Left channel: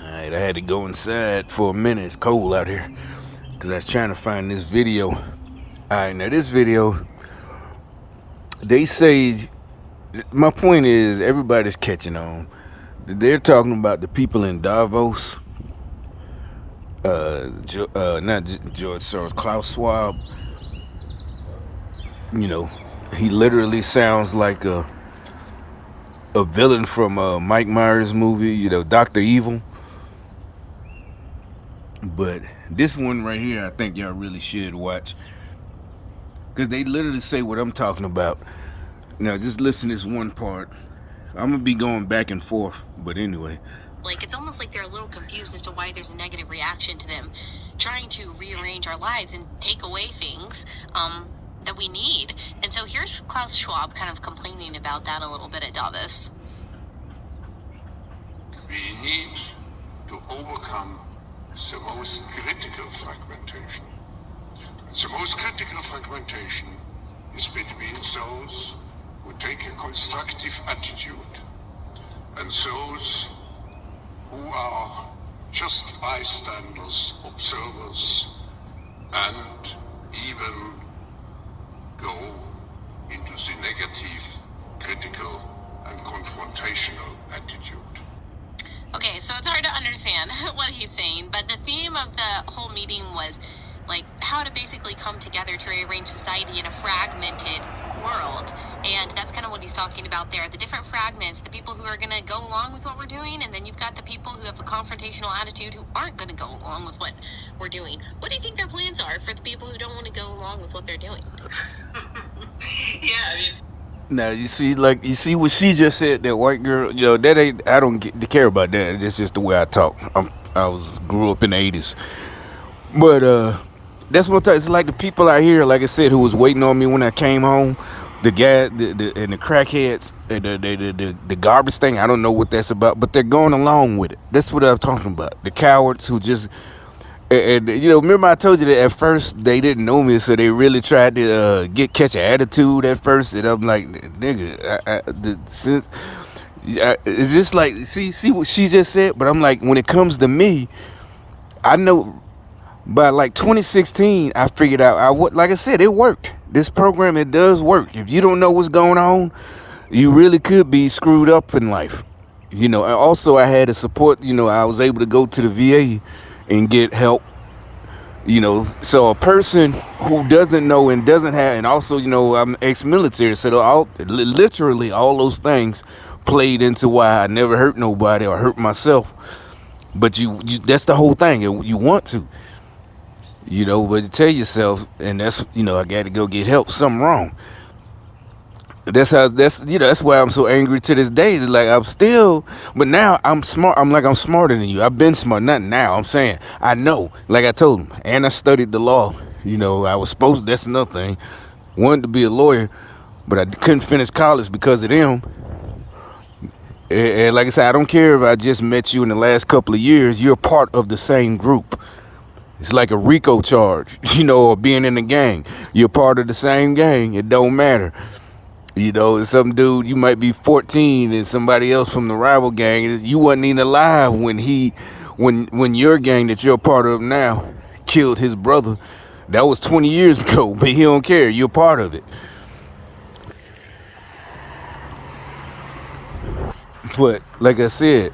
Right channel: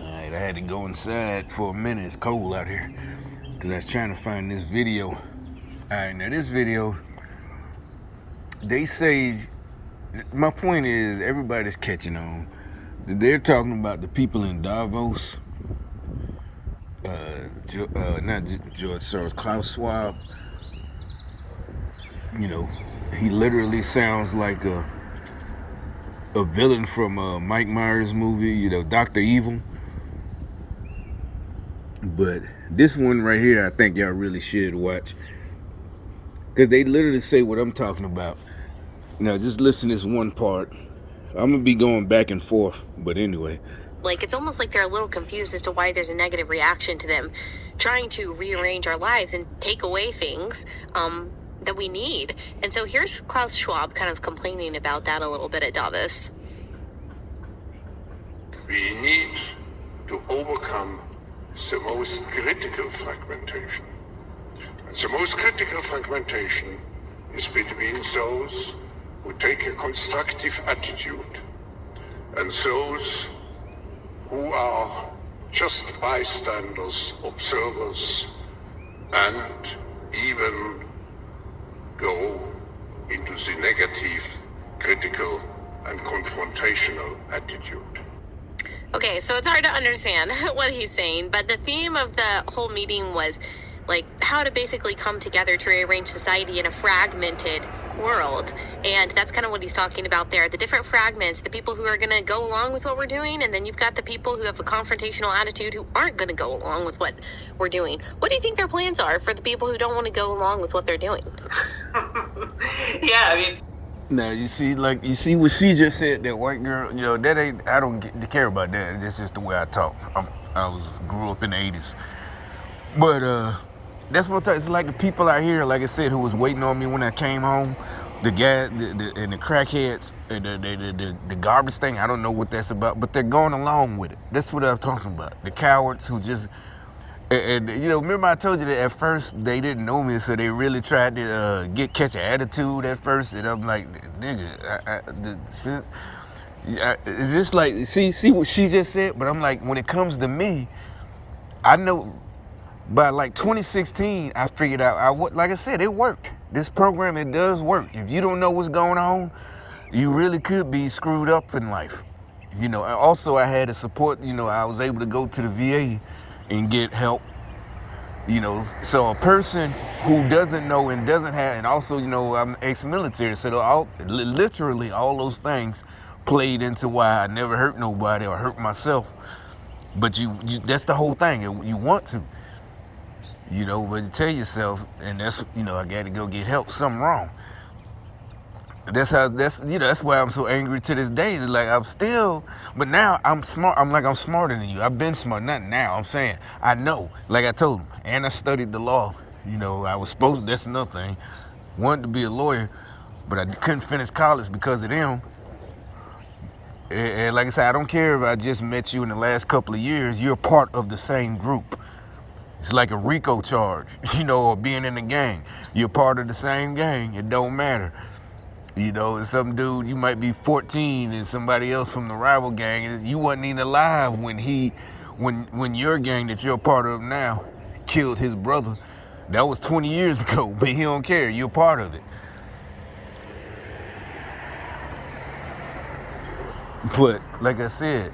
Alright, I had to go inside for a minute. It's cold out here. Because I was trying to find this video. Alright, now this video, they say, my point is, everybody's catching on. They're talking about the people in Davos. Not George Soros, Klaus Schwab. You know, he literally sounds like a villain from Mike Myers' movie, you know, Dr. Evil. But this one right here, I think y'all really should watch. Because they literally say what I'm talking about. Now, just listen to this one part. I'm going to be going back and forth, but anyway. Like, it's almost like they're a little confused as to why there's a negative reaction to them trying to rearrange our lives and take away things that we need. And so here's Klaus Schwab kind of complaining about that a little bit at Davos. We need to overcome the most critical fragmentation. And the most critical fragmentation is between those who take a constructive attitude and those who are just bystanders, observers, and even go into the negative, critical, and confrontational attitude. Okay, so it's hard to understand what he's saying, but the theme of the whole meeting was like how to basically come together to rearrange society in a fragmented world. And that's kind of what he's talking about there. The different fragments, the people who are going to go along with what we're doing, and then you've got the people who have a confrontational attitude who aren't going to go along with what we're doing. What do you think their plans are for the people who don't want to go along with what they're doing? Yeah, I mean, Now you see what she just said. That white girl, you know, that ain't. I don't care about that. It's just the way I talk. Grew up in the '80s, but that's what it's like. The people out here, like I said, who was waiting on me when I came home, the guy, and the crackheads, and the garbage thing. I don't know what that's about, but they're going along with it. That's what I'm talking about. The cowards who just. And you know, remember I told you that at first they didn't know me, so they really tried to catch an attitude at first, and I'm like, nigga, it's just like see what she just said. But I'm like, when it comes to me, I know by like 2016, I figured out like I said, it worked. This program, it does work. If you don't know what's going on, you really could be screwed up in life. You know, also I had a support. You know, I was able to go to the VA and get help, you know. So a person who doesn't know and doesn't have, and also, you know, I'm ex-military, so literally all those things played into why I never hurt nobody or hurt myself. But you that's the whole thing. You want to, you know, but you tell yourself, and that's, you know, I got to go get help. Something wrong. That's why I'm so angry to this day. It's like I'm still, but now I'm smart. I'm smarter than you. I've been smart. Not now. I'm saying I know. Like I told him, and I studied the law. You know, I was supposed. That's another thing. Wanted to be a lawyer, but I couldn't finish college because of them. And like I said, I don't care if I just met you in the last couple of years. You're part of the same group. It's like a RICO charge, you know, or being in the gang. You're part of the same gang. It don't matter. You know, some dude, you might be 14 and somebody else from the rival gang, you wasn't even alive when your gang that you're a part of now killed his brother. That was 20 years ago, but he don't care. You're part of it. But like I said,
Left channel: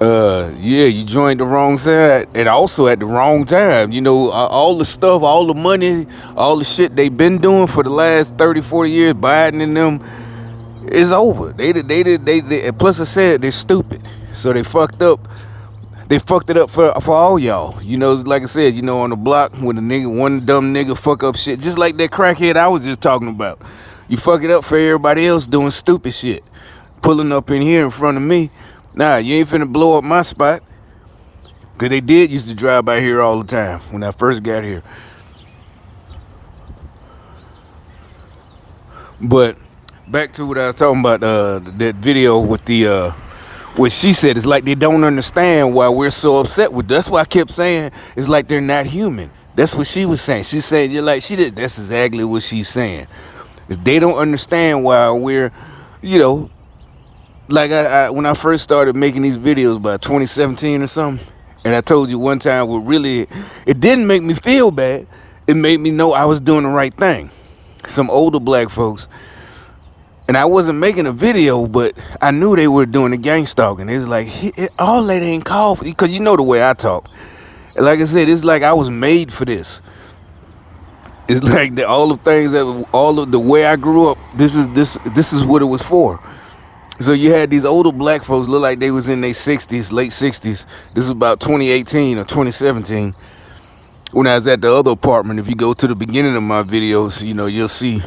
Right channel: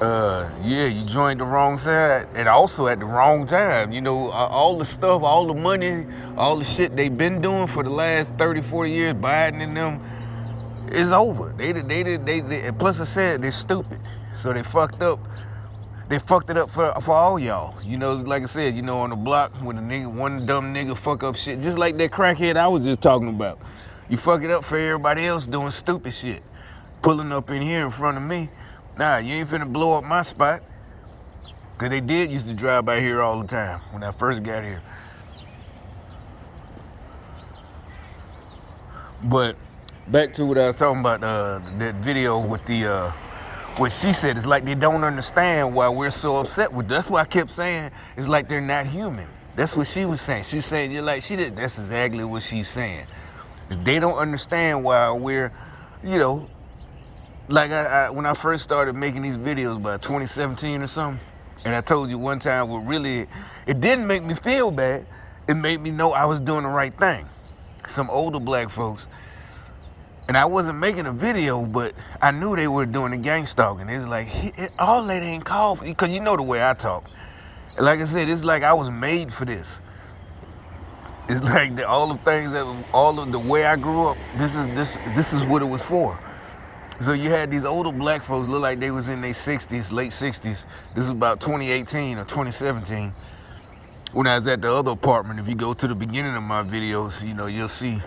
yeah, you joined the wrong side, and also at the wrong time. You know, all the stuff, all the money, all the shit they've been doing for the last 30, 40 years, Biden and them, is over. They plus I said they're stupid, so they fucked up. They fucked it up for all y'all. You know, like I said, you know, on the block when one dumb nigga fuck up shit, just like that crackhead I was just talking about. You fuck it up for everybody else doing stupid shit, pulling up in here in front of me. Nah, you ain't finna blow up my spot. Cause they used to drive by here all the time when I first got here. But back to what I was talking about, that video with what she said. It's like they don't understand why we're so upset with. That's why I kept saying it's like they're not human. That's what she was saying. She said, you're like, that's exactly what she's saying. Is they don't understand why we're, you know, like I when I first started making these videos about 2017 or something, and I told you one time what really, it didn't make me feel bad. It made me know I was doing the right thing. Some older black folks, and I wasn't making a video, but I knew they were doing the gang stalking. It was like, all that ain't called for, because you know the way I talk. Like I said, it's like I was made for this. It's like all the things that, all of the way I grew up, this is what it was for. So you had these older black folks look like they was in their 60s, late 60s. This is about 2018 or 2017. When I was at the other apartment, if you go to the beginning of my videos, you know, you'll see,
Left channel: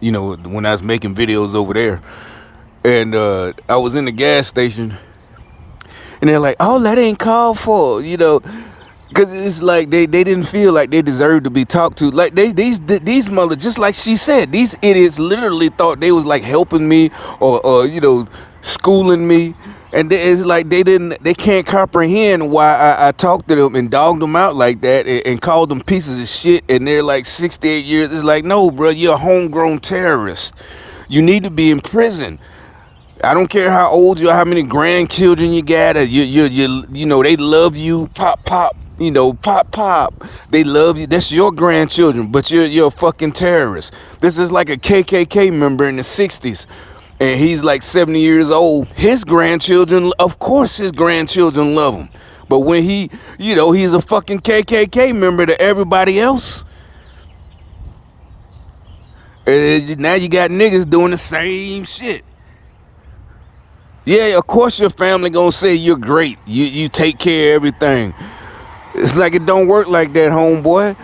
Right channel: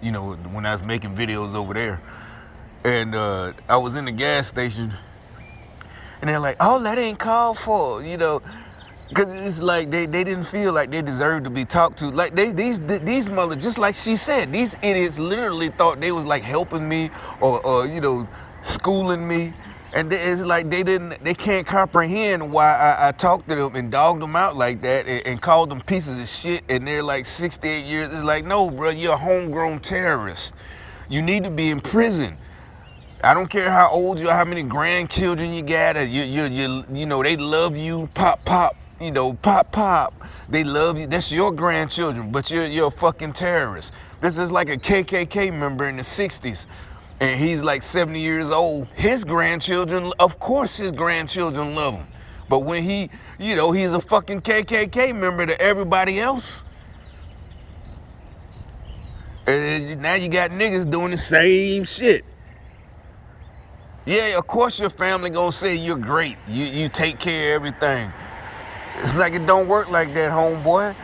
you know, when I was making videos over there. And I was in the gas station, and they're like, oh, that ain't called for, you know. Because it's like they didn't feel like they deserved to be talked to. Like these mothers, just like she said, these idiots literally thought they was like helping me or you know, schooling me. And it's like they can't comprehend why I talked to them and dogged them out like that and called them pieces of shit. And they're like 68 years. It's like, no, bro, you're a homegrown terrorist. You need to be in prison. I don't care how old you are, how many grandchildren you got. You know, they love you. Pop, pop. You know, pop, pop. They love you. That's your grandchildren, but you're a fucking terrorist. This is like a KKK member in the 60s, and he's like 70 years old. His grandchildren, of course his grandchildren love him. But when he, you know, he's a fucking KKK member to everybody else. And now you got niggas doing the same shit. Yeah, of course your family gonna say you're great. You take care of everything. It's like it don't work like that, homeboy.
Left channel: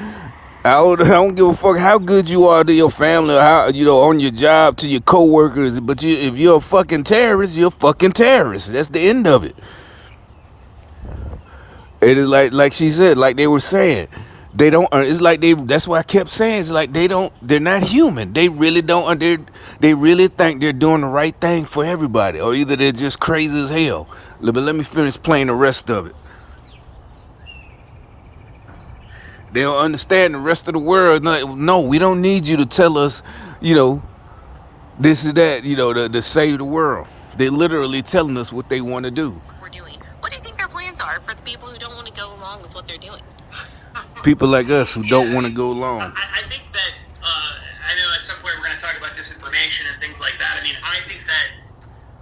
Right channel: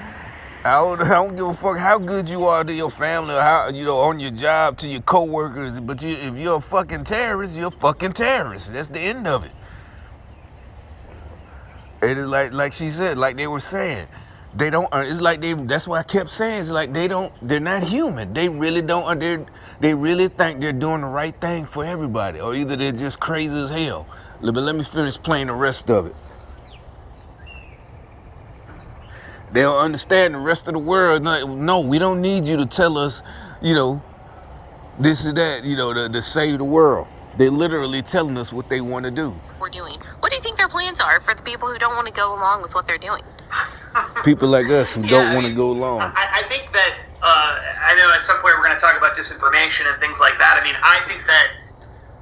I don't give a fuck how good you are to your family or how, you know, on your job, to your coworkers. But if you're a fucking terrorist, you're a fucking terrorist. That's the end of it. It is like she said, like they were saying, they don't. It's like that's why I kept saying, it's like they're not human. They really don't. They really think they're doing the right thing for everybody, or either they're just crazy as hell. But let me finish playing the rest of it. They don't understand the rest of the world. No, we don't need you to tell us, you know, this is that, you know, to save the world. They're literally telling us what they want to do. We're doing. What do you think their plans are for the people who don't want to go along with what they're doing? People like us who don't want to go along. I think that, I know at some point we're going to talk about disinformation and things like that. I mean, I think that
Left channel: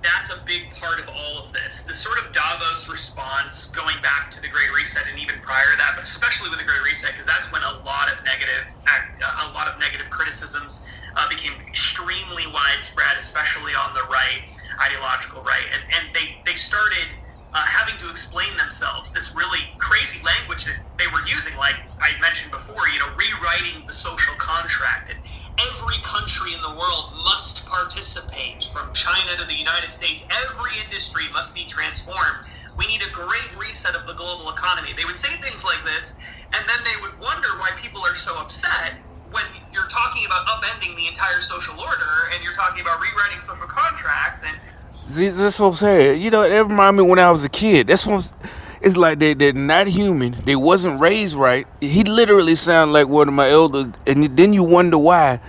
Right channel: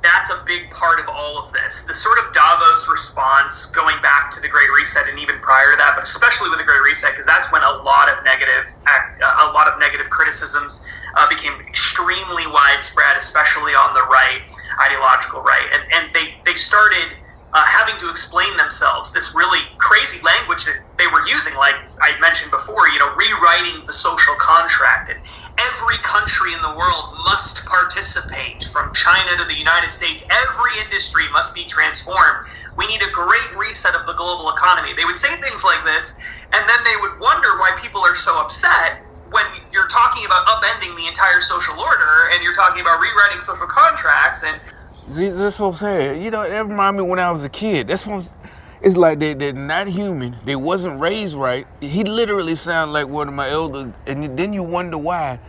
that's a big part of all of this. The sort of Davos response going back to the Great Reset and even prior to that, but especially with the Great Reset, because that's when a lot of negative criticisms became extremely widespread, especially on the right, ideological right, and they started having to explain themselves. This really crazy language that they were using, like I mentioned before, you know, rewriting the social contract, and every country in the world must participate, from China to the United States. Every industry must be transformed. We need a great reset of the global economy. They would say things like this, and then they would wonder why people are so upset when you're talking about upending the entire social order and you're talking about rewriting social contracts. And that's what I'm saying. You know, it reminded me when I was a kid. It's like they're not human. They wasn't raised right. He literally sounded like one of my elders, and then you wonder why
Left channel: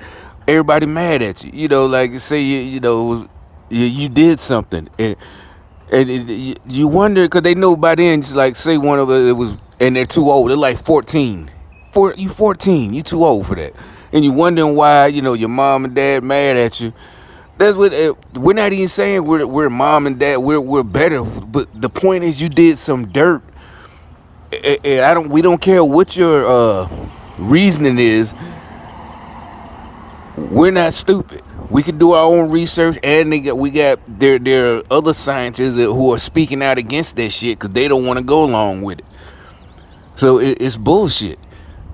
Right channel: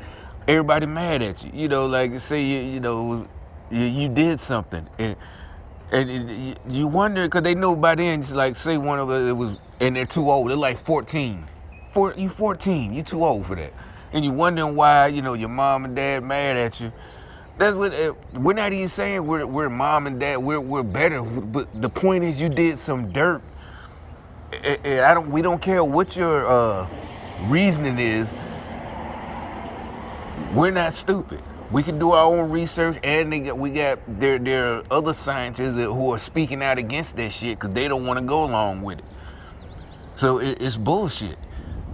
everybody mad at you. You know, like say you did something, and you wonder because they know by then. Just like say one of it was, and they're too old. They're like 14. You 14. You too old for that, and you wondering why your mom and dad mad at you. That's what we're not even saying we're mom and dad, we're better, but the point is you did some dirt, and we don't care what your reasoning is. We're not stupid. We can do our own research, and we got there are other scientists who are speaking out against that shit because they don't want to go along with it. So it's bullshit.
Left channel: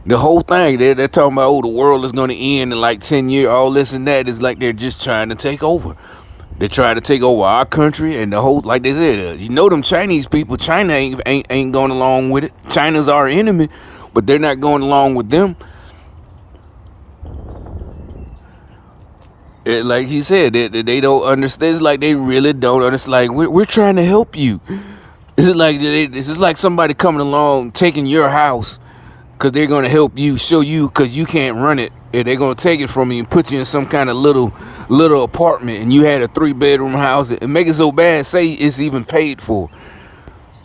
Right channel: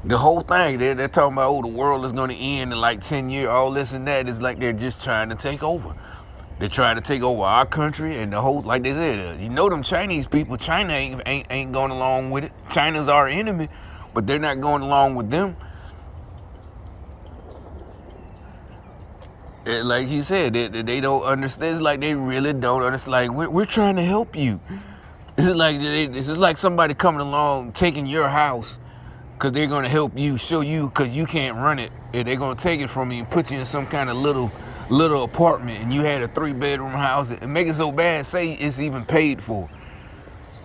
The whole thing, they're talking about, the world is going to end in like 10 years. All this and that is like they're just trying to take over. They're trying to take over our country and the whole, like they said, them Chinese people, China ain't going along with it. China's our enemy, but they're not going along with them. Like he said, they don't understand. It's like they really don't understand. Like, we're trying to help you. It's like somebody coming along, taking your house, because they're going to help you, show you, because you can't run it, and they're going to take it from you and put you in some kind of little apartment, and you had a 3-bedroom house, and make it so bad, say it's even paid for.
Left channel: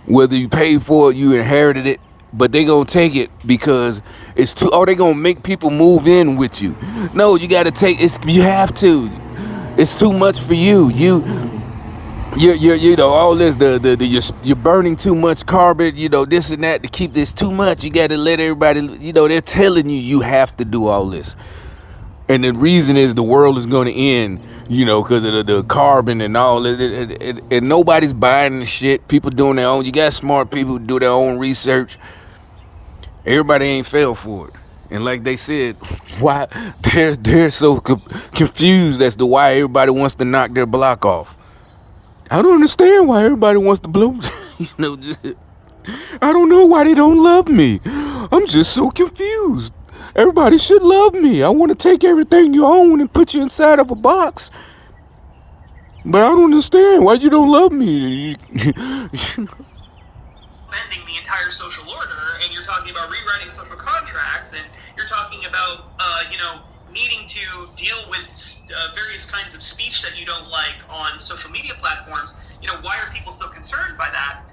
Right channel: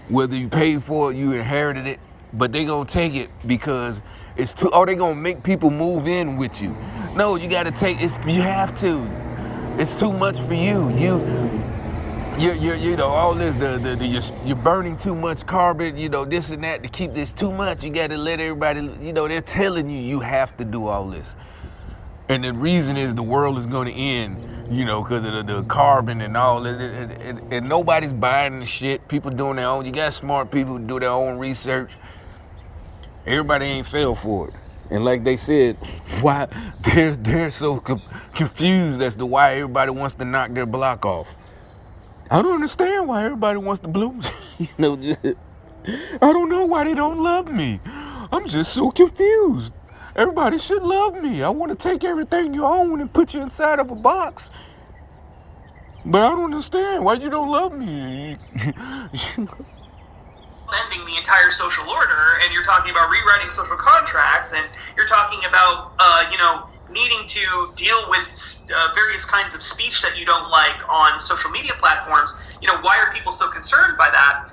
Whether you paid for it, you inherited it, but they going to take it because it's too, they going to make people move in with you. No, you got to take, you have to. It's too much for you. You know, all this, you're burning too much carbon, you know, this and that to keep this too much. You got to let everybody, you know, they're telling you have to do all this. And the reason is the world is going to end, you know, because of the carbon and all that. And nobody's buying the shit. People doing their own. You got smart people who do their own research. Everybody ain't fell for it. And like they said, why they're so confused as to why everybody wants to knock their block off. I don't understand why everybody wants to blow. You know, I don't know why they don't love me. I'm just so confused. Everybody should love me. I want to take everything you own and put you inside of a box. But I don't understand why you don't love me. Bending the entire social order, and you're talking about rewriting social contracts, and you're talking about, needing to deal with various kinds of speech that you don't like on social media platforms. You know, why are people so concerned by that?